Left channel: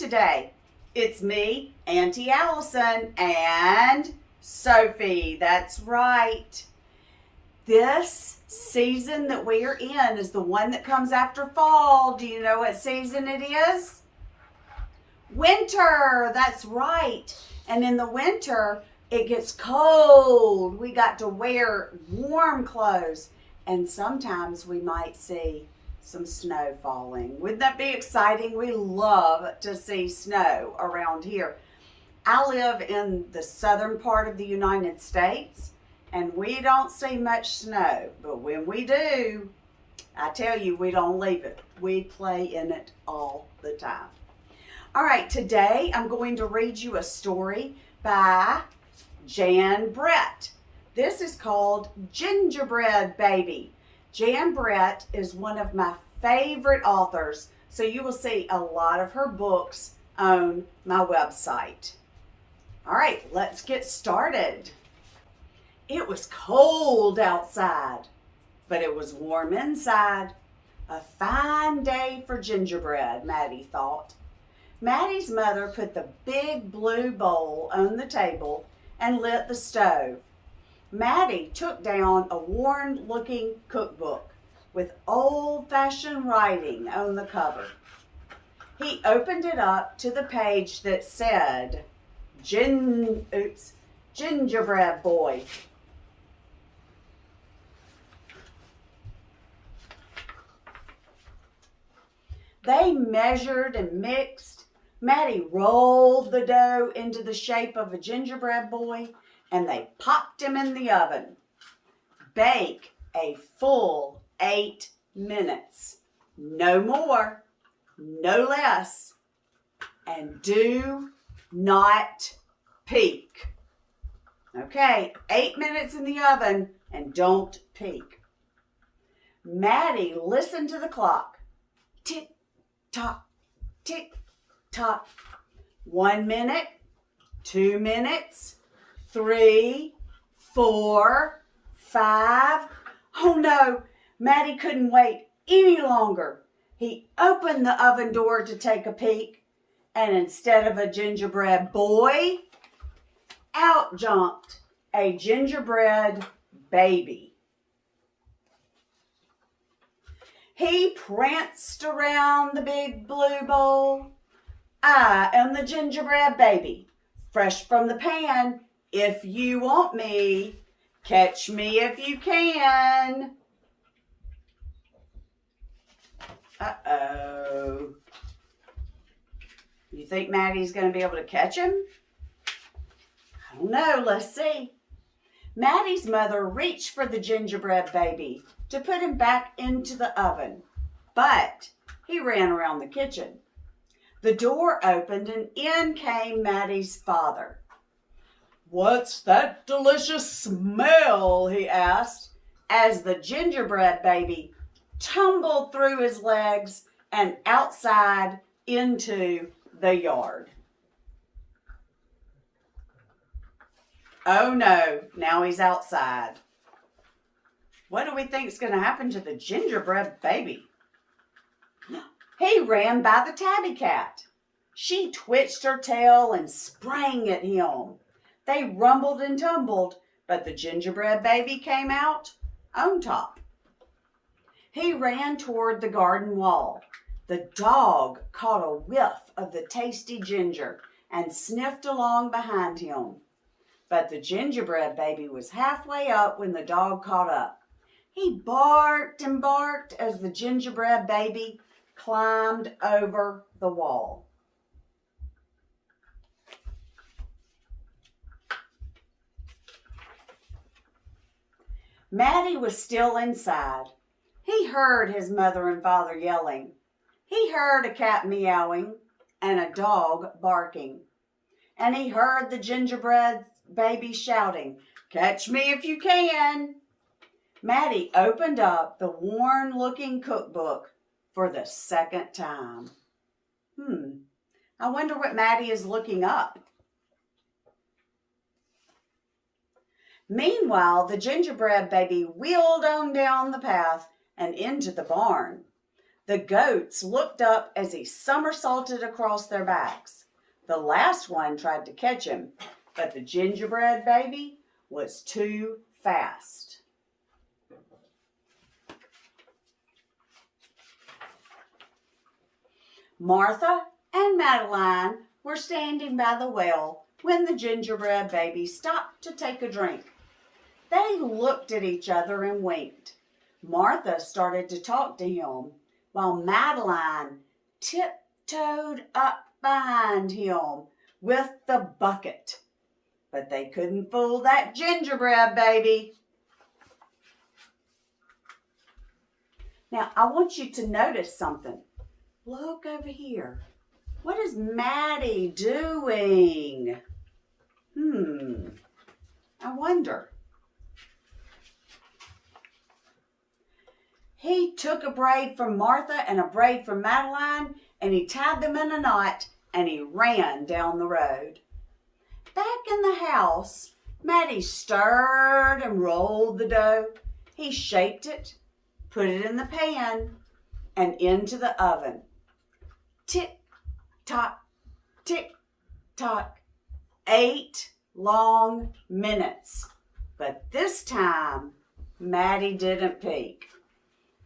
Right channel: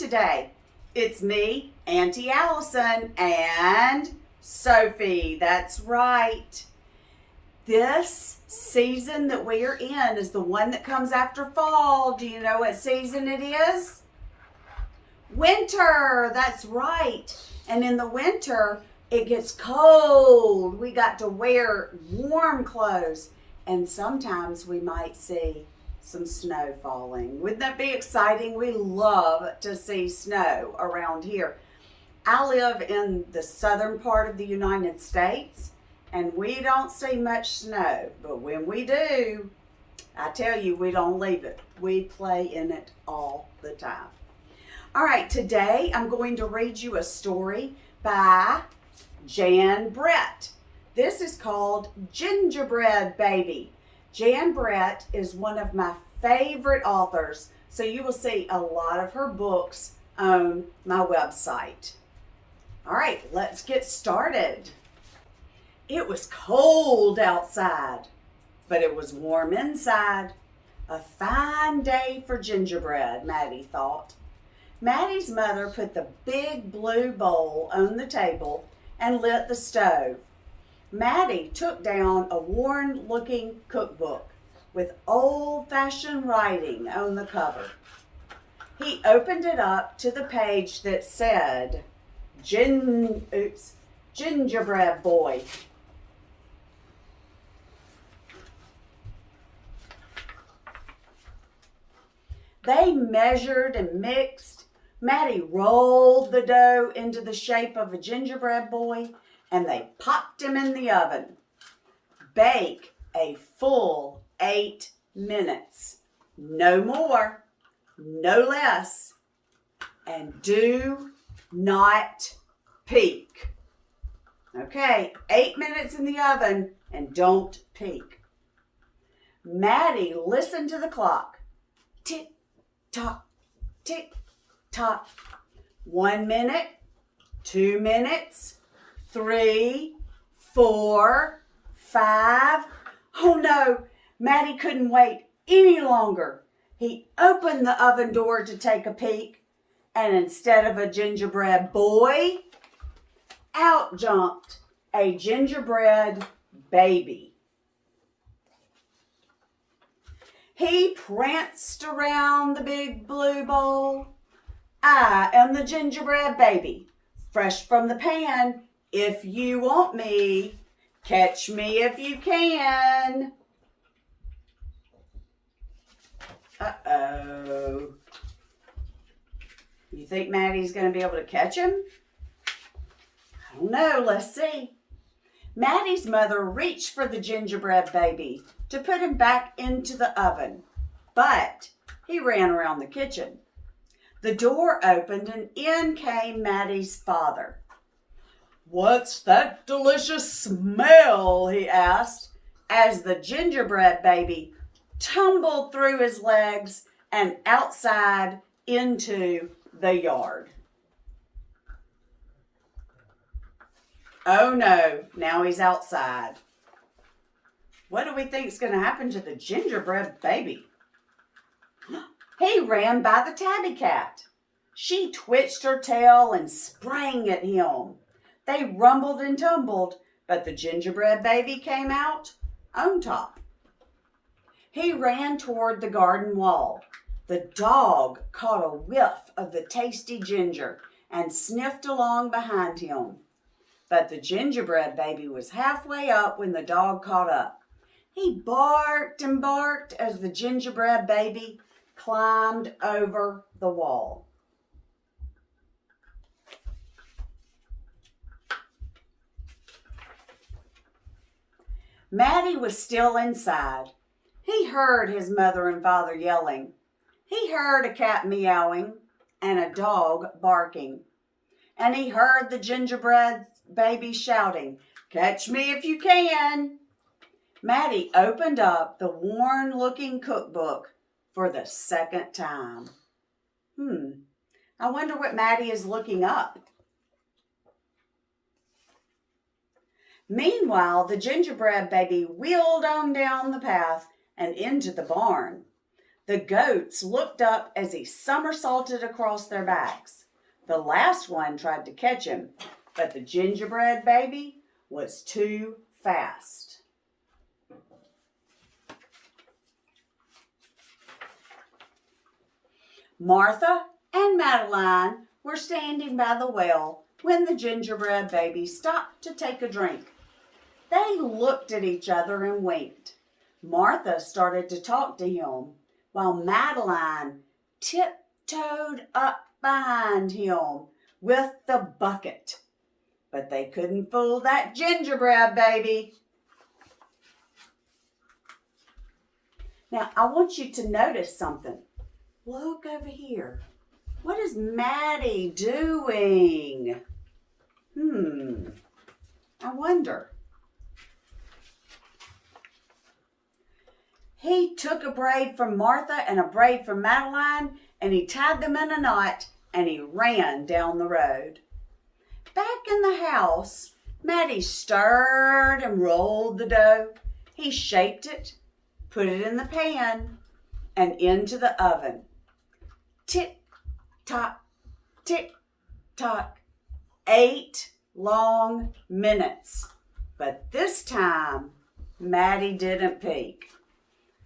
today? It's me, Auntie Allison, and Sophie. That's right. This season that we are in is the one that comes after fall. Do you know what season it is? Winter. That's right. And in the winter, it gets cold. We got to wear warm clothes. And sometimes we might see some snow falling. Wouldn't that be exciting? We love to see snow around here. I live in the southern part of the United States, and we don't see much snow. But when we do, I tell you, we don't leave it. We play in it all the time. All right, today I'm going to read you a story by Jan Brett. This is called Gingerbread Baby. Jan Brett is one of my favorite authors, so you will see a lot of her books on my website. All right, let's get started. It was cold outside, but it was warm inside. A fine day for gingerbread, Maddie thought. Maddie's mother put the big blue bowl on the table and lit the stove. Maddie took down a worn-looking cookbook with old-fashioned writing on the cover. He opened it up to the page that said, Gingerbread Boy. They measured and mixed. Maddie rolled the dough into the shape of a gingerbread boy, and they popped him in the oven. Bake a full 8 minutes. No more, no less. And do not peek. Okay, 8 minutes in the oven and don't peek. Maddie listened to the clock. Tick, tock, tick, tock. 1 minute, 2 minutes, 3, 4, 5. Oh no, Maddie couldn't wait any longer. He opened the oven door to take a peek, and instead of a gingerbread boy, out jumped a gingerbread baby. He pranced around the big blue bowl. I am the gingerbread baby, fresh from the pan. If you want me, catch me if you can. Uh-oh. You think Maddie's going to be able to catch him? I don't know. Let's see. Maddie's mother reached for the gingerbread baby to put him back into the oven, but he ran around the kitchen. The door opened and in came Maddie's father. "What's that delicious smell?" he asked, as the gingerbread baby tumbled through his legs and outside into the yard. Oh no, now he's outside. What do we think is going to happen to the gingerbread baby? He ran by the tabby cat. She twitched her tail and sprang at him. They rumbled and tumbled, but the gingerbread baby came out on top. He ran toward the garden wall. The dog caught a whiff of the tasty ginger and sniffed along behind him. But the gingerbread baby was halfway up when the dog caught up. He barked and barked as the gingerbread baby climbed over the wall. Maddie was still inside. He heard his mother and father yelling. He heard a cat meowing and a dog barking. And he heard the gingerbread baby shouting, "Catch me if you can." Maddie opened up the worn-looking cookbook for the second time. I wonder what Maddie is looking up. Meanwhile, the gingerbread baby wheeled on down the path and into the barn. The goats looked up as he somersaulted across their backs. The last one tried to catch him, but the gingerbread baby was too fast. Martha and Madeline were standing by the well when the gingerbread baby stopped to take a drink. They looked at each other and winked. Martha started to talk to him, while Madeline tiptoed up behind him with the bucket. But they couldn't fool that gingerbread baby. Now, I want you to notice something. Look over here. What is Maddie doing? I wonder. He took a braid from Martha and a braid from Madeline, and he tied them in a knot, and he ran down the road. Back in the house, Maddie stirred and rolled the dough. He shaped it, put it in the pan, and into the oven. Tick-tock, tick-tock, 8 long minutes. But this time, Maddie didn't peek.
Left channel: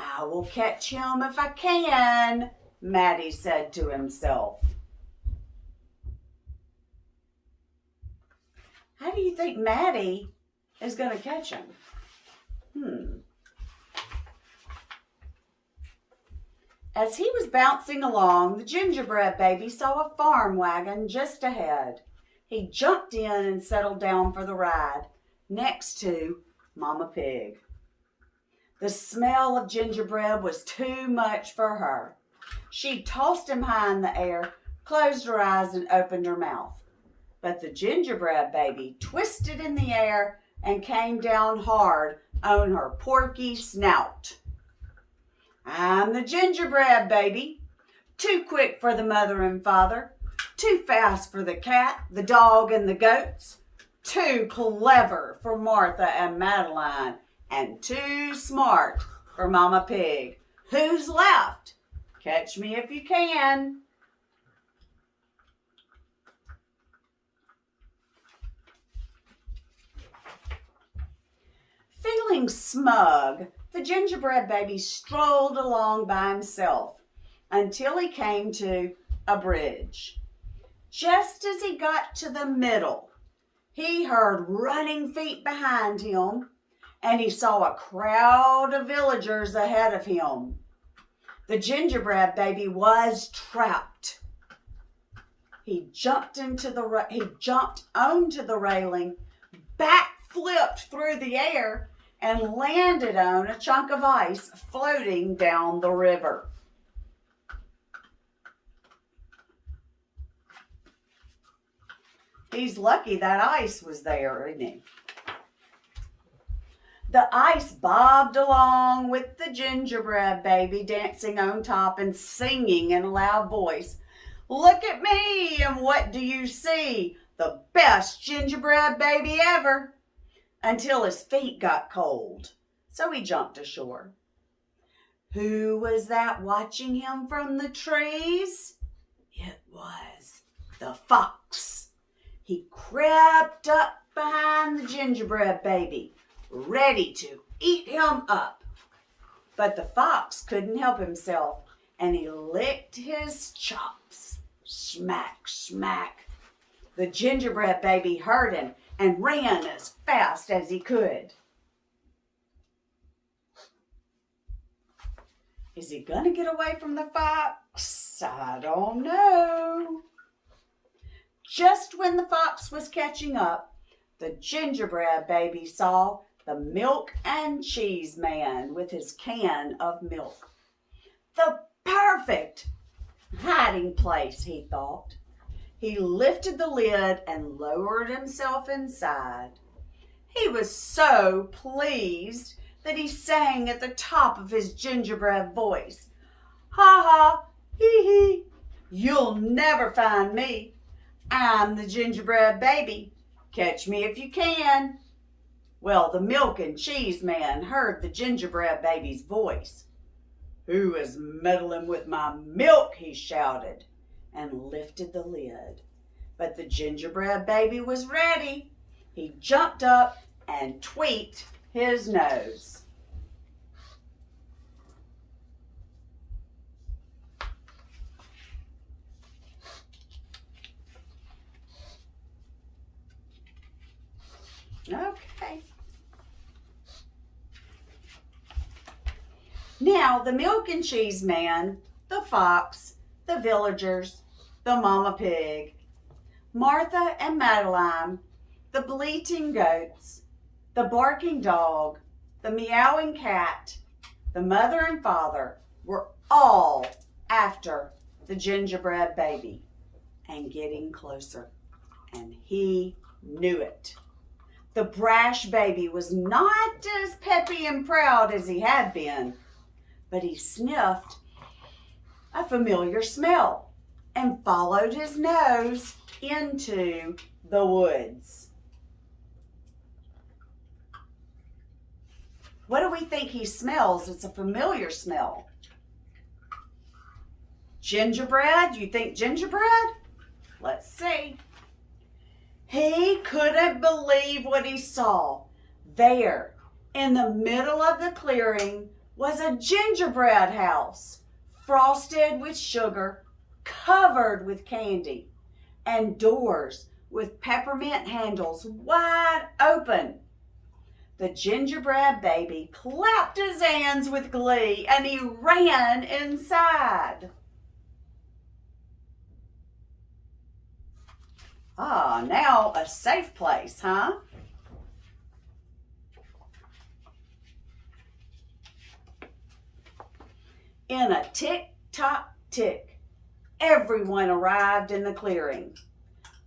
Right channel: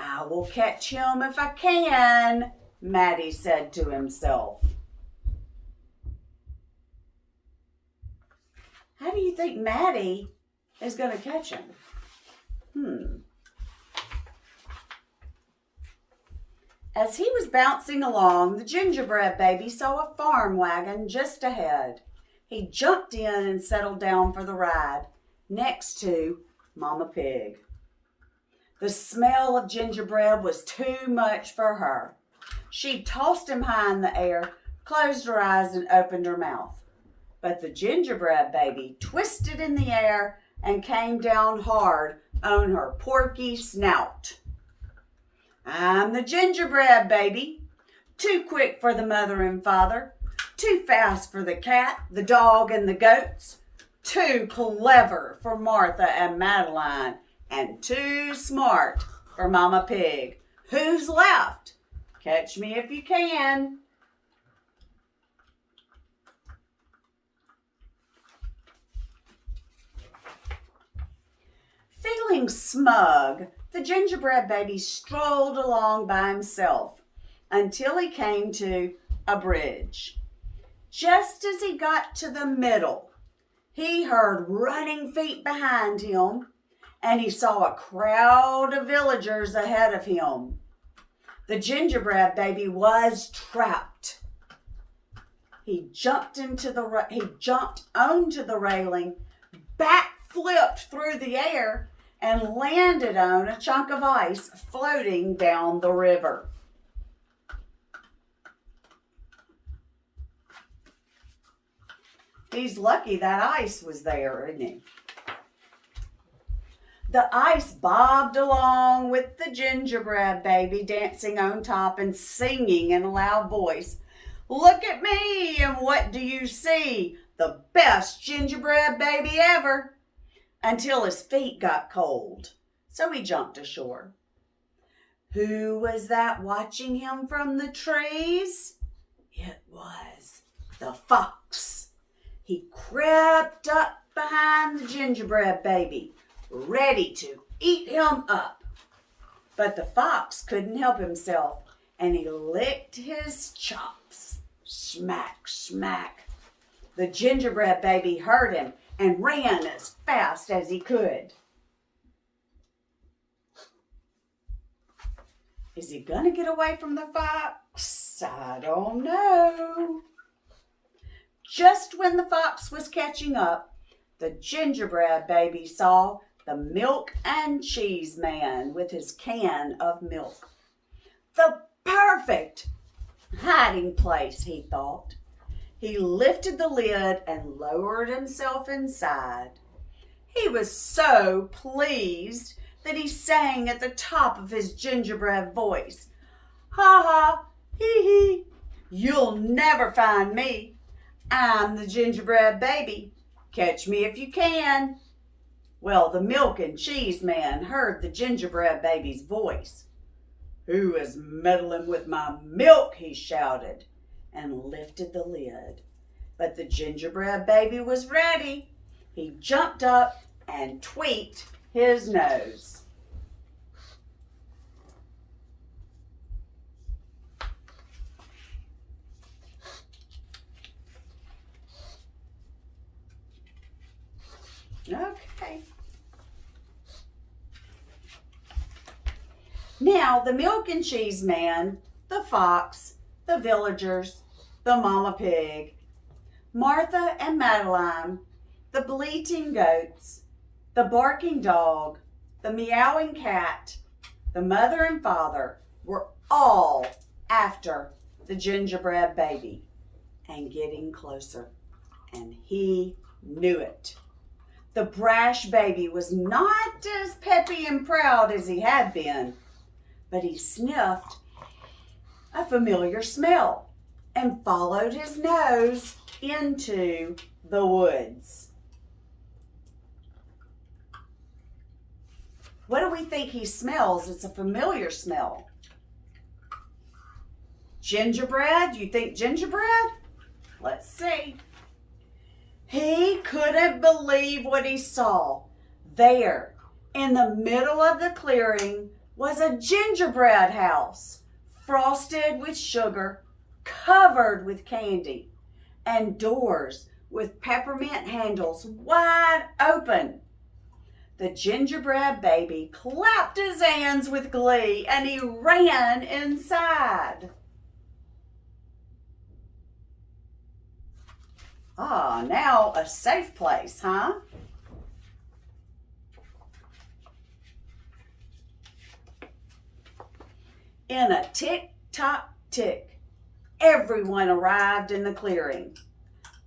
I will catch him if I can, Maddie said to himself. How do you think Maddie is going to catch him? As he was bouncing along, the gingerbread baby saw a farm wagon just ahead. He jumped in and settled down for the ride, next to Mama Pig. The smell of gingerbread was too much for her. She tossed him high in the air, closed her eyes, and opened her mouth. But the gingerbread baby twisted in the air and came down hard on her porky snout. I'm the gingerbread baby, too quick for the mother and father, too fast for the cat, the dog, and the goats, too clever for Martha and Madeline, and too smart for Mama Pig. Who's left? Catch me if you can. Feeling smug, the gingerbread baby strolled along by himself until he came to a bridge. Just as he got to the middle, he heard running feet behind him, and he saw a crowd of villagers ahead of him. The gingerbread baby was trapped. He jumped onto the railing, backflipped through the air, and landed on a chunk of ice floating down the river. He's lucky that ice was there, isn't he? The ice bobbed along with the gingerbread baby dancing on top and singing in a loud voice. Look at me, and what do you see? The best gingerbread baby ever. Until his feet got cold, so he jumped ashore. Who was that watching him from the trees? It was the fox. He crept up behind the gingerbread baby, ready to eat him up. But the fox couldn't help himself, and he licked his chops. Smack, smack. The gingerbread baby heard him and ran as fast as he could. Is he gonna get away from the fox? I don't know. Just when the fox was catching up, the gingerbread baby saw the milk and cheese man with his can of milk. The perfect hiding place, he thought. He lifted the lid and lowered himself inside. He was so pleased that he sang at the top of his gingerbread voice. Ha ha, hee hee, you'll never find me. I'm the gingerbread baby. Catch me if you can. Well, the milk and cheese man heard the gingerbread baby's voice. "Who is meddling with my milk?" he shouted, and lifted the lid. But the gingerbread baby was ready. He jumped up and tweaked his nose. Okay. Now, the milk and cheese man, the fox, the villagers, the mama pig, Martha and Madeline, the bleating goats, the barking dog, the meowing cat, the mother and father were all after the gingerbread baby and getting closer. And he knew it. The brash baby was not as peppy and proud as he had been, but he sniffed a familiar smell and followed his nose into the woods. What do we think he smells? It's a familiar smell. Gingerbread? You think gingerbread? Let's see. He couldn't believe what he saw. There, in the middle of the clearing, was a gingerbread house, frosted with sugar, covered with candy, and doors with peppermint handles wide open. The gingerbread baby clapped his hands with glee and he ran inside. Ah, now a safe place, huh? In a tick-tock-tick, everyone arrived in the clearing,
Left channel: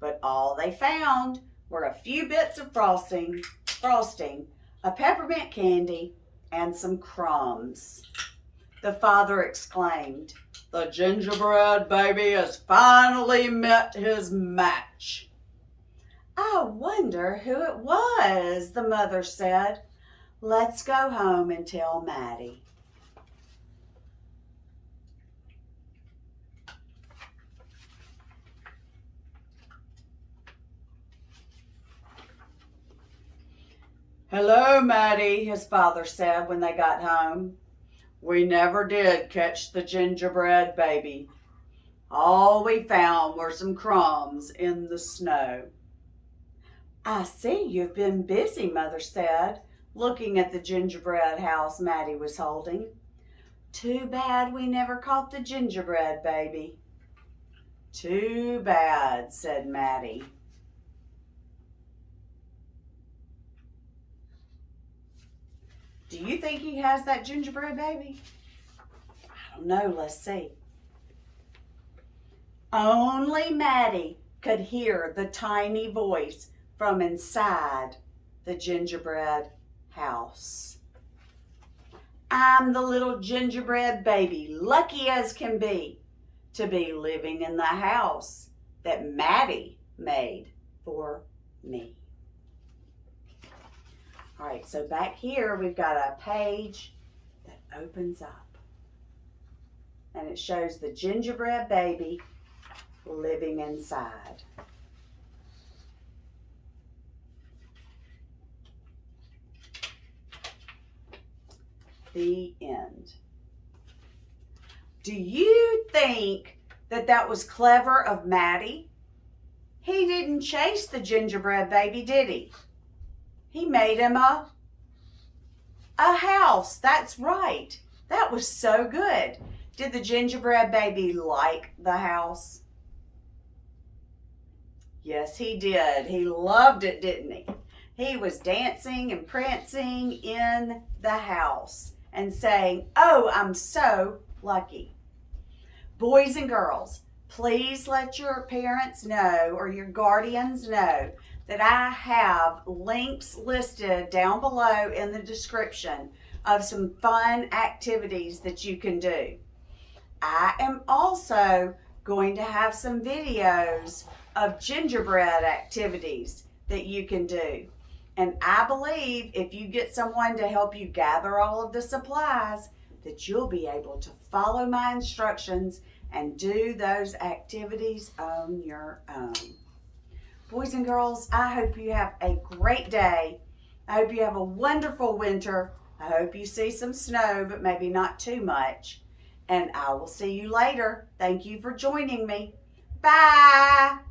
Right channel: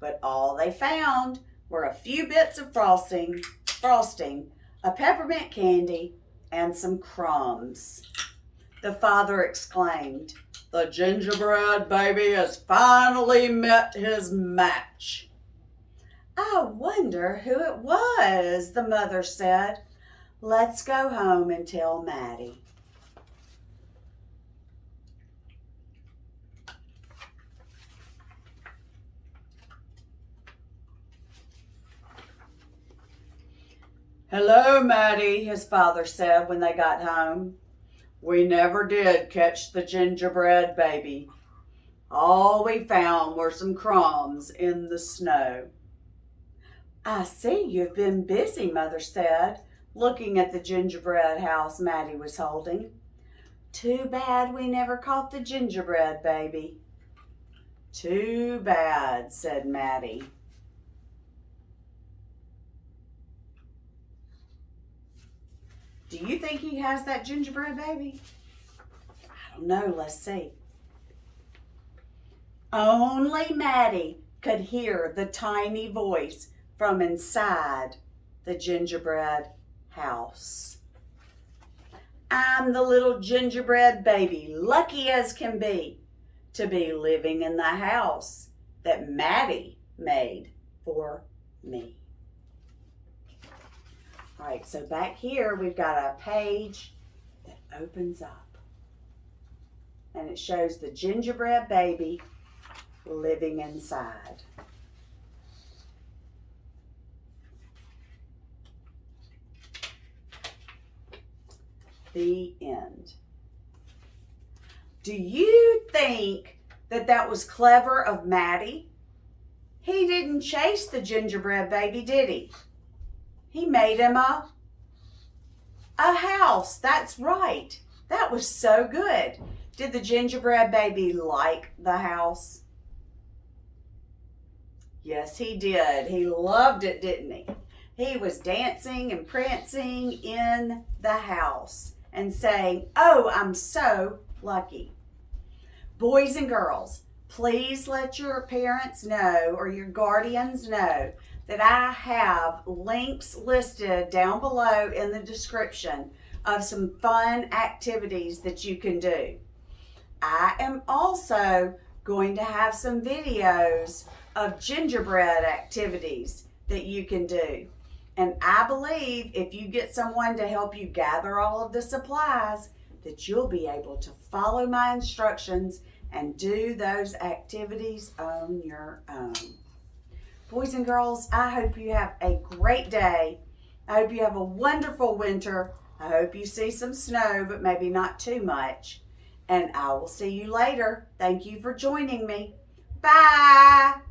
but all they found were a few bits of frosting, a peppermint candy, and some crumbs. The father exclaimed, "The gingerbread baby has finally met his match." "I wonder who it was," the mother said. "Let's go home and tell Maddie." "Hello, Maddie," his father said when they got home. "We never did catch the gingerbread baby. All we found were some crumbs in the snow." "I see you've been busy," Mother said, looking at the gingerbread house Maddie was holding. "Too bad we never caught the gingerbread baby." "Too bad," said Maddie. Do you think he has that gingerbread baby? I don't know. Let's see. Only Maddie could hear the tiny voice from inside the gingerbread house. "I'm the little gingerbread baby, lucky as can be, to be living in the house that Maddie made for me." All right, so back here we've got a page that opens up. And it shows the gingerbread baby living inside. The end. Do you think that that was clever of Maddie? He didn't chase the gingerbread baby, did he? He made him a house. That's right. That was so good. Did the gingerbread baby like the house? Yes, he did. He loved it, didn't he? He was dancing and prancing in the house and saying, "Oh, I'm so lucky." Boys and girls, please let your parents know or your guardians know that I have links listed down below in the description of some fun activities that you can do. I am also going to have some videos of gingerbread activities that you can do. And I believe if you get someone to help you gather all of the supplies, that you'll be able to follow my instructions and do those activities on your own. Boys and girls, I hope you have a great day. I hope you have a wonderful winter. I hope you see some snow, but maybe not too much. And I will see you later. Thank you for joining me. Bye.